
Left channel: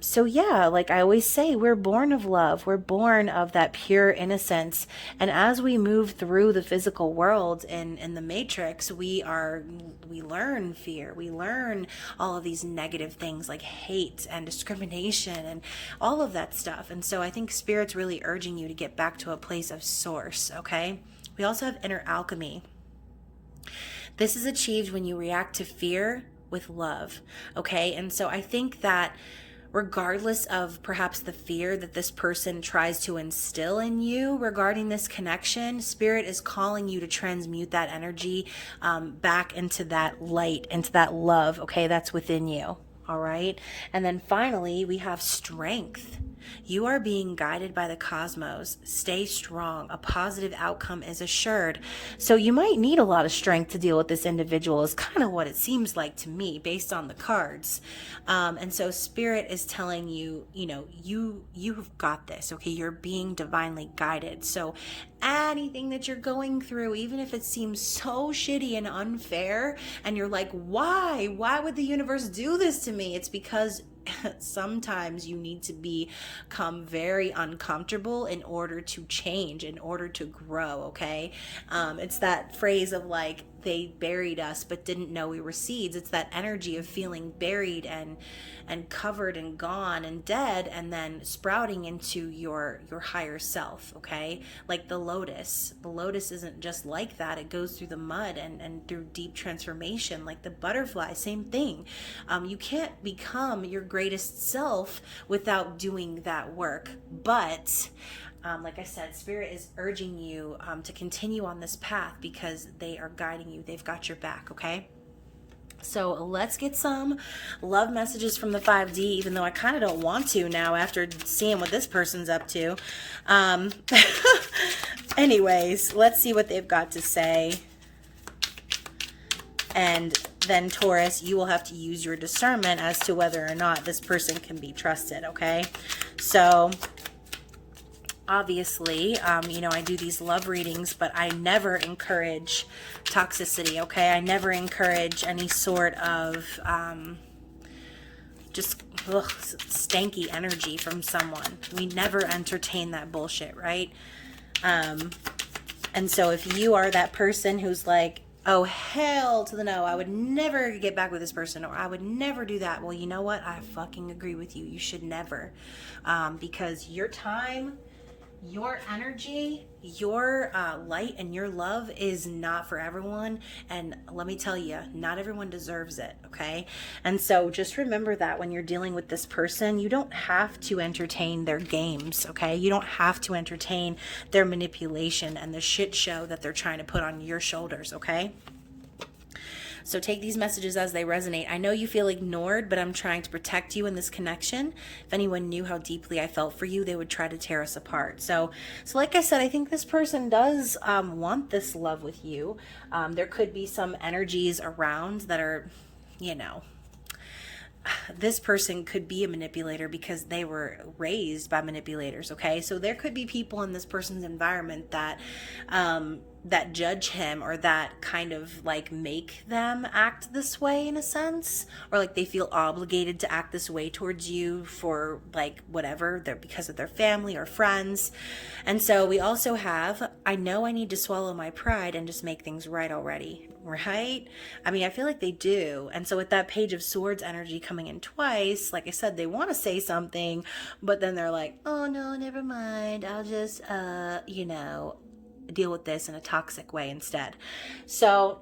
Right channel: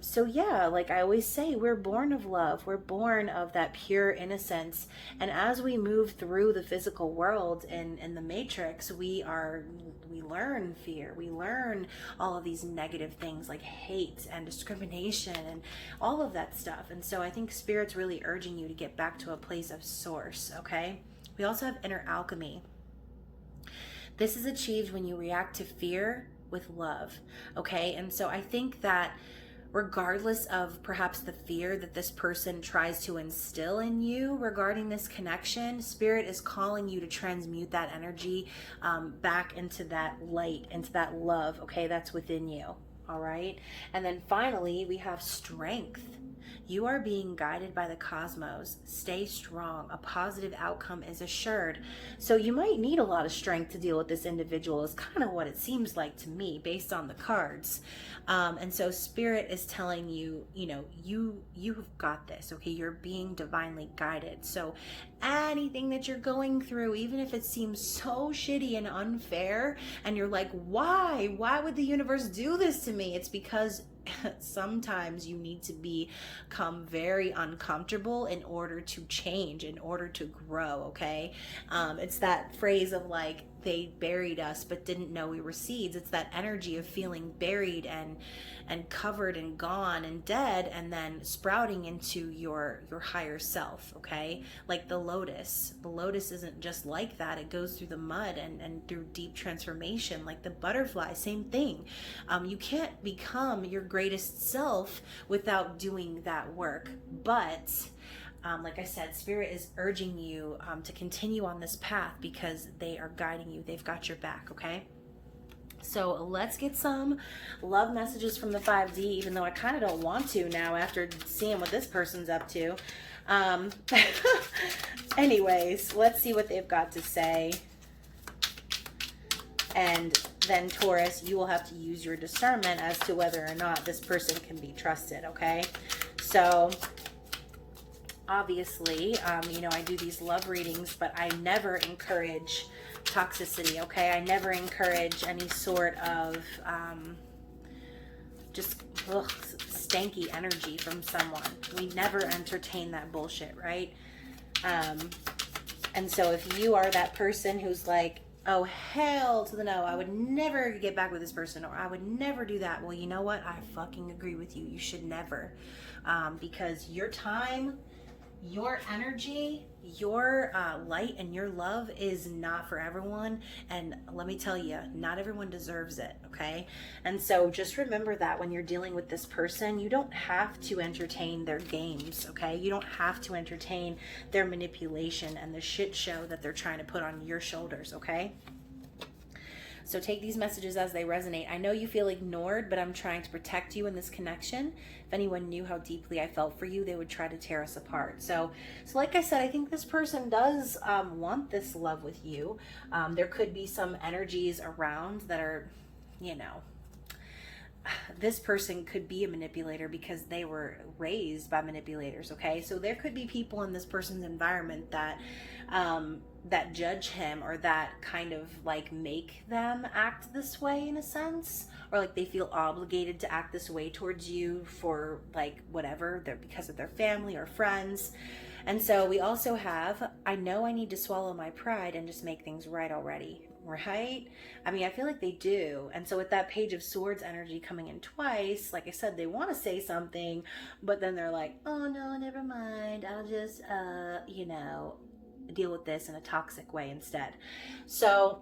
So yeah, like I always say, we're born of love. We're born of that pure innocence, and as we move through the physical world in the matrix, we learn fear, we learn all of these negative things like hate and discrimination and all of that stuff. And so I think Spirit's really urging you to get back to a place of source. Okay, we also have inner alchemy. This is achieved when you react to fear with love. Okay, and so I think that regardless of perhaps the fear that this person tries to instill in you regarding this connection, Spirit is calling you to transmute that energy back into that light, into that love, okay, that's within you. All right. And then finally, we have strength. You are being guided by the cosmos. Stay strong. A positive outcome is assured. So you might need a lot of strength to deal with this individual, is kind of what it seems like to me based on the cards. And so Spirit is telling you, you've got this, okay? You're being divinely guided. So anything that you're going through, even if it seems so shitty and unfair, and you're like, why would the universe do this to me? It's because sometimes you need to become very uncomfortable in order to change, in order to grow, okay? It's that phrase of like, they buried us but didn't know we were seeds. It's that energy of feeling buried and covered and gone and dead, and then sprouting into your higher self, okay? Like the lotus. The lotus isn't just like that. It goes through the mud and through deep transformation. Like the butterfly, same thing. You can't become your greatest self without doing that work. But like I said, Spirit is urging you to continue on this path because they are guiding you. They've got your back, okay? So let's get some love messages from the 5D, even though I kind of don't want to now after seeing what this person's up to. Anyways, let's see what they've got to say. And then Taurus, you will have to use your discernment as to whether or not this person can be trusted, okay? So obviously, I do these love readings, but I never encourage toxicity, okay? I never encourage any sort of stanky energy from someone. We never entertain that bullshit, right? And so if you are that person who's like, oh, hell to the no, I would never get back with this person, or I would never do that. Well, you know what? I fucking agree with you. You should never. Because your time, your energy, your light and your love is not for everyone. And let me tell you, not everyone deserves it, okay? And so just remember that when you're dealing with this person, you don't have to entertain their games, okay? You don't have to entertain their manipulation and the shit show that they're trying to put on your shoulders, okay? So take these messages as they resonate. I know you feel ignored, but I'm trying to protect you in this connection. If anyone knew how deeply I felt for you, they would try to tear us apart. So like I said, I think this person does want this love with you. There could be some energies around that are, you know, this person could be a manipulator because they were raised by manipulators. Okay, so there could be people in this person's environment that that judge him, or that kind of like make them act this way in a sense, or like they feel obligated to act this way towards you for like whatever, they're because of their family or friends. And so we also have, I know I need to swallow my pride and just make things right already. Right? I mean, I feel like they do. And so with that Page of Swords energy coming in twice, like I said, they want to say something, but then they're like, oh no, never mind. I'll just, you know, deal with this in a toxic way instead. So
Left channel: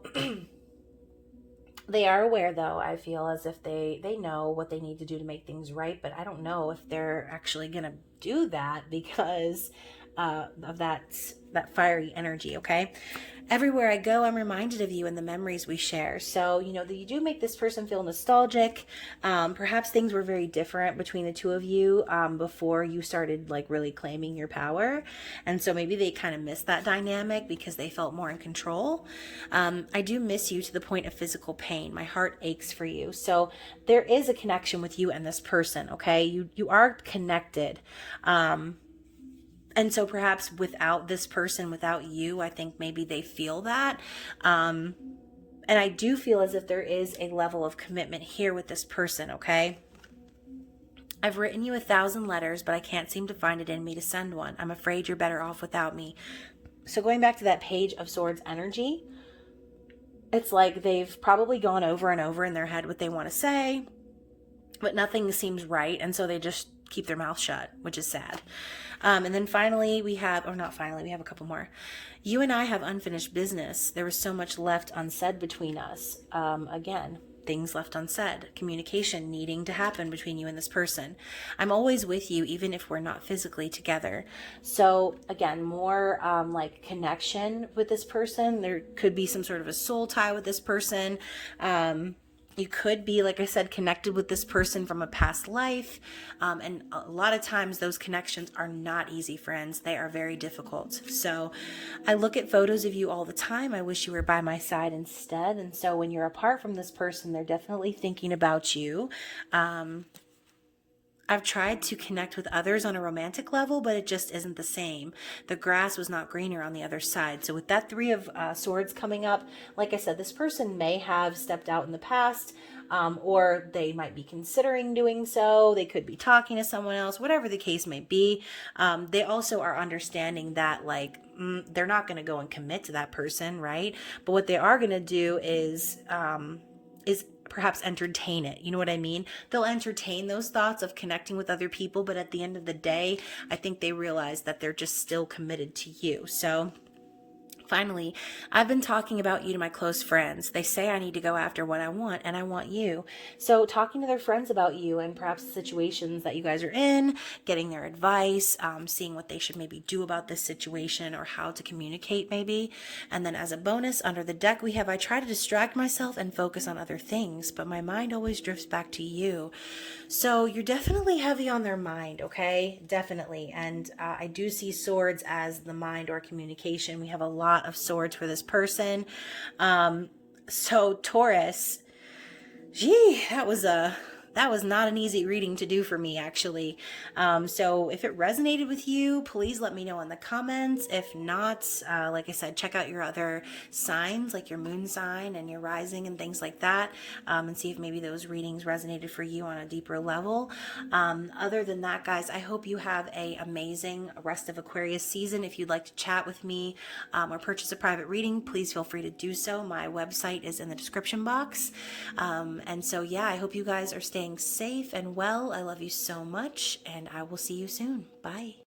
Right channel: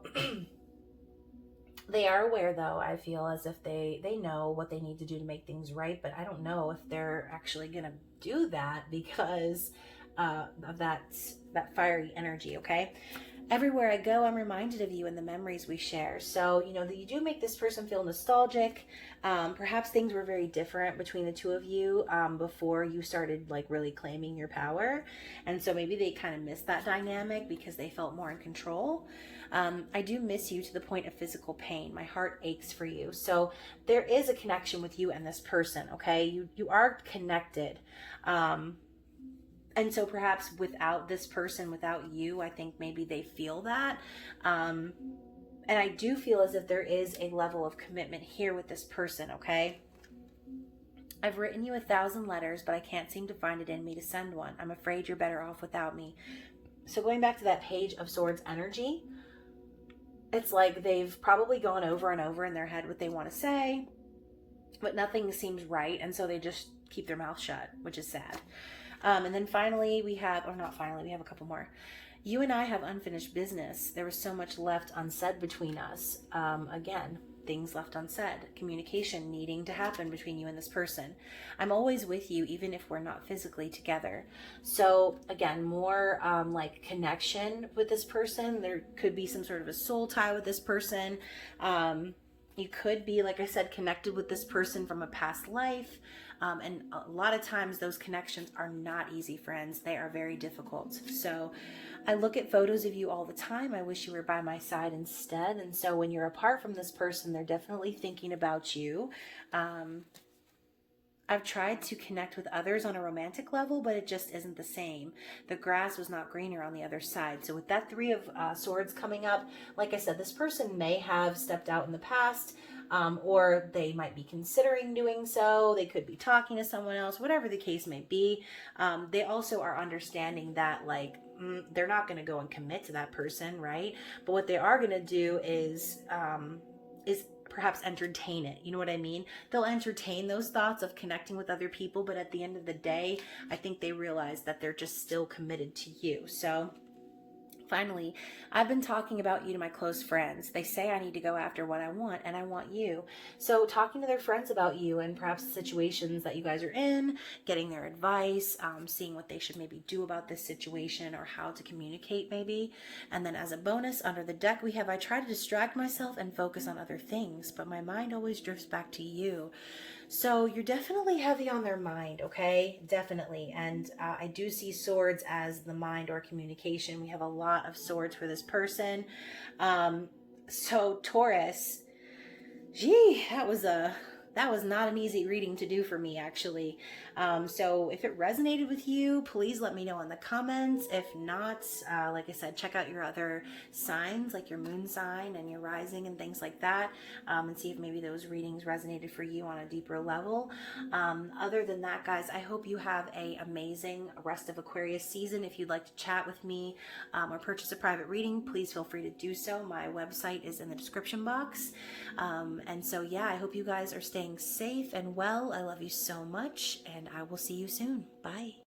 they are aware, though, I feel as if they know what they need to do to make things right, but I don't know if they're actually going to do that because of that fiery energy. Okay, everywhere I go, I'm reminded of you and the memories we share. So, you know, that you do make this person feel nostalgic. Perhaps things were very different between the two of you before you started like really claiming your power. And so maybe they kind of missed that dynamic because they felt more in control. I do miss you to the point of physical pain. My heart aches for you. So there is a connection with you and this person. Okay, you are connected. And so perhaps without this person, without you, I think maybe they feel that. And I do feel as if there is a level of commitment here with this person, okay? I've written you 1,000 letters, but I can't seem to find it in me to send one. I'm afraid you're better off without me. So going back to that Page of Swords energy, it's like they've probably gone over and over in their head what they want to say, but nothing seems right. And so they just keep their mouth shut, which is sad. And then finally we have, or not finally, we have a couple more. You and I have unfinished business. There was so much left unsaid between us. Again, things left unsaid. Communication needing to happen between you and this person. I'm always with you, even if we're not physically together. So again, more like connection with this person. There could be some sort of a soul tie with this person. You could be, like I said, connected with this person from a past life. And a lot of times those connections are not easy, friends. They are very difficult. So I look at photos of you all the time. I wish you were by my side instead. And so when you're apart from this person, they're definitely thinking about you. I've tried to connect with others on a romantic level, but it just isn't the same. The grass was not greener on the other side. So with that Three of Swords coming up, like I said, this person may have stepped out in the past, or they might be considering doing so. They could be talking to someone else, whatever the case may be. They also are understanding that like they're not going to go and commit to that person, right? But what they are going to do is perhaps entertain it. You know what I mean? They'll entertain those thoughts of connecting with other people, but at the end of the day, I think they realize that they're just still committed to you. So finally, I've been talking about you to my close friends. They say I need to go after what I want, and I want you. So talking to their friends about you and perhaps the situations that you guys are in, getting their advice, seeing what they should maybe do about this situation or how to communicate maybe. And then as a bonus, under the deck we have, I try to distract myself and focus on other things, but my mind always drifts back to you. So you're definitely heavy on their mind, okay? Definitely. And I do see swords as the mind or communication. We have a lot of swords for this person. So Taurus, gee, that was not an easy reading to do for me, actually. So if it resonated with you, please let me know in the comments. If not, like I said, check out your other signs, like your moon sign and your rising and things like that, and see if maybe those readings resonated for you on a deeper level. Other than that, guys, I hope you have an amazing rest of Aquarius season. If you'd like to chat with me or purchase a private reading, please feel free to do so. My website is in the description box. And so, yeah, I hope you guys are staying safe and well. I love you so much, and I will see you soon. Bye.